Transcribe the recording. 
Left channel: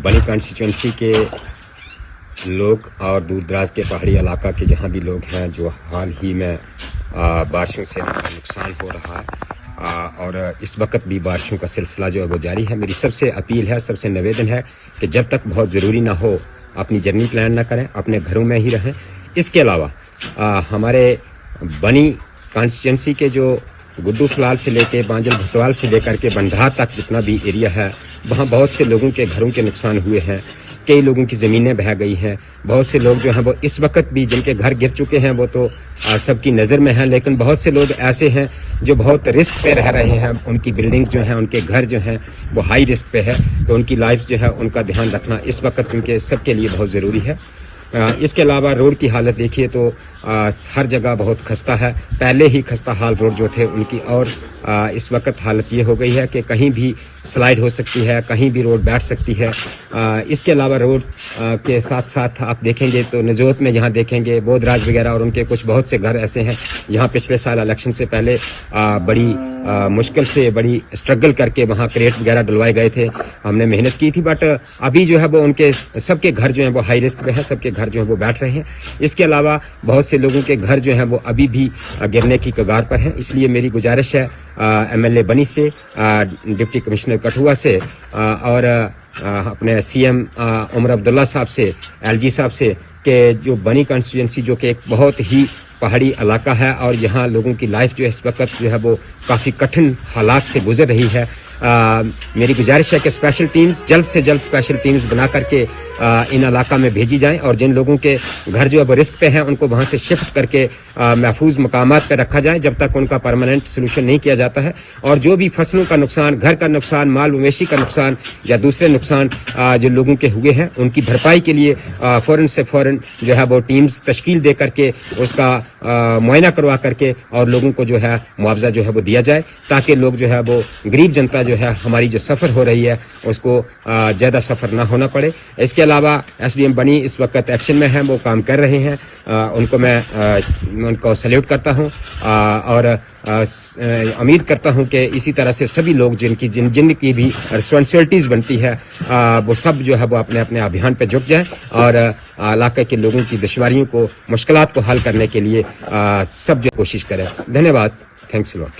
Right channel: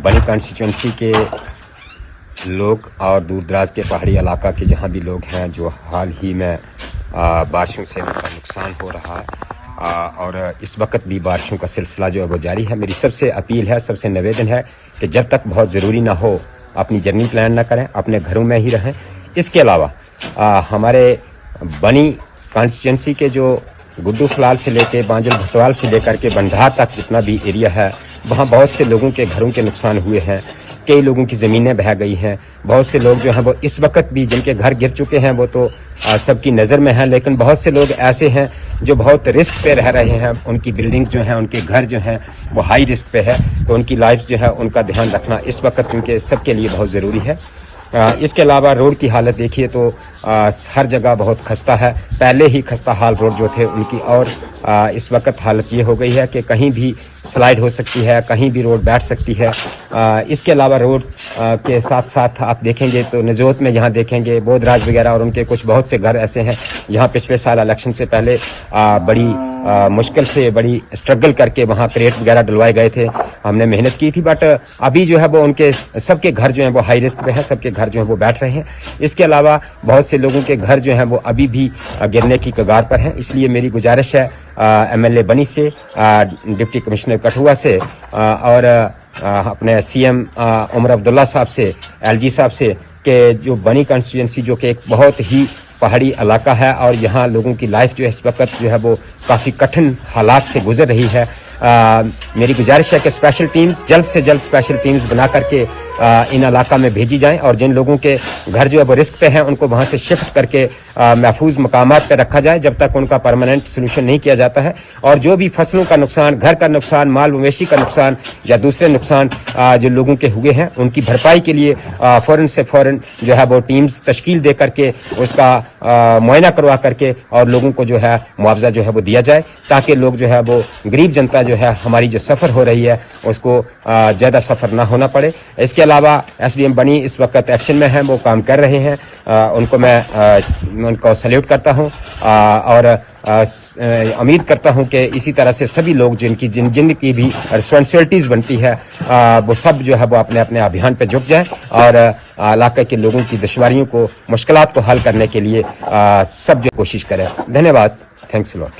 बनी कॉन्स्टिट्यूंसी के लोग और दूर दराज के पहाड़ी इलाका के जहाँ भी लोग हैं जो हाल ही में बारिशों से नुकसान हो रहा है और इस वक्त भी बारिशों का सिलसिला जो है वो जारी है। मेरी सबसे अपील है, सबसे निवेदन है कि जब तक बहुत ज़रूरी ना हो अपनी जर्नी प्लान ना करें, अपने घरों में ही रहें। इसके अलावा हमारे बनी कॉन्स्टिट्यूंसी के जो गुड्डू फलाल से लेके बांजल भटवाल से लेकर के बंधार तक जितना भी एरिया है वहाँ बहुत से लोगों के घरों के नुकसान हुए हैं, कई लोगों की ज़मीनें बह गई हैं। बहुत से लोग जो हैं वो इस वक्त भी जिनके घर गिर चुके हैं वो तो सबकी नज़र में हैं, लेकिन बहुत से लोग ऐसे हैं जो बहुत रिस्क पे रह रहे हैं। उनकी बिल्डिंग्स जो हैं, उनके घर जो हैं वो हाई रिस्क पे है, तो उनकी लाइफ जो है उनका ध्यान रखना इस वक्त चूँकि सबके लिए बहुत ज़रूरी है। इसके अलावा रोड की हालत देखिए तो हर जगह बहुत खस्ता है। पहले ही खस्ता हाल रोड जो थे उनकी और इस वक्त हालत ये हो गई है कि कहीं भी स्लाइड हो सकती है, कहीं भी रोड बैठ सकती है। इसके अलावा रोड के साथ साथ आप देखेंगे तो नजोत में यहाँ देखेंगे बोधराज वगैरह और उनके कुछ बहुत से घर ऐसे हैं जहाँ पिछले साल इलेक्शन से पहले बड़ी मुश्किल से बड़ी स्ट्रगल करके वहाँ क्रेट वगैरह डलवाए गए थे, हमने मेहनत की थी, बट अभी जो है वो उनके सबके घर जो हैं वो हाई रिस्क पे है, सबके घर जो है वो बैठ रहे हैं। इसके अलावा बहुत से लोगों के घर जो हैं वो अभी भी गिरने की कगार पर हैं। इसलिए मेरी गुजारिश है MLA बनी से, डिप्टी कमिश्नर कठुआ से और अपने CM उमर अब्दुल्ला साहब से, LG साहब से कि जो बनी कॉन्स्टिट्यूंसी जो कि एक बहुत ही पहाड़ी इलाका है और यहाँ लोगों की लाइफ जो है इस वक्त जो है वो काफ़ी कठिन हालात से गुजर रही है। मेरी गुजारिश है कि स्पेशल टीम्स जल्द से जल्द स्पेशल टीम्स बना करके इन इलाका में भेजी जाएं और जिन लोगों के घर जो है वो रिस्क पे हैं उनको वहाँ से शिफ्ट करके महफूज मकामात पर रखा जाए जब तक उनका परमानेंट सोल्यूशन नहीं किया जाता है। और जो भी फसलों का नुकसान, घर का नुकसान, माल मवेशी का नुकसान या दूसरे नुकसान जो लोगों के हुए हैं उनकी भरपाई के लिए फ़ौरन से फ़ौरन जो है वो टीम्स तश्कील दे करके उसका मुआयना करवा करके और लोगों को जो है मुआवजा जो है वो दिया जाए, ताकि लोग जो है वो गरीब जनता जो है हमारी जो सफ़र हो रही है उसको ज़्यादा सफ़र ना होना पड़े। इसके अलावा SDM बनी इस वक्त एक्शन में है, वो काम कर रहे हैं, उनको मैं उनको सैल्यूट करता हूं और उम्मीद करता हूं कि इसी तरह से सभी लोग जिनकी भी रिस्पॉन्सिबिलिटीज़ बनती है वो सब जो है वो अपने अपने अभियान पे जुट जाए और इलाके के लोगों की दुश्वारियों को, मुश्किलात को हल करने के लिए सब जो कोशिश करें। धन्यवाद। Thanks a lot.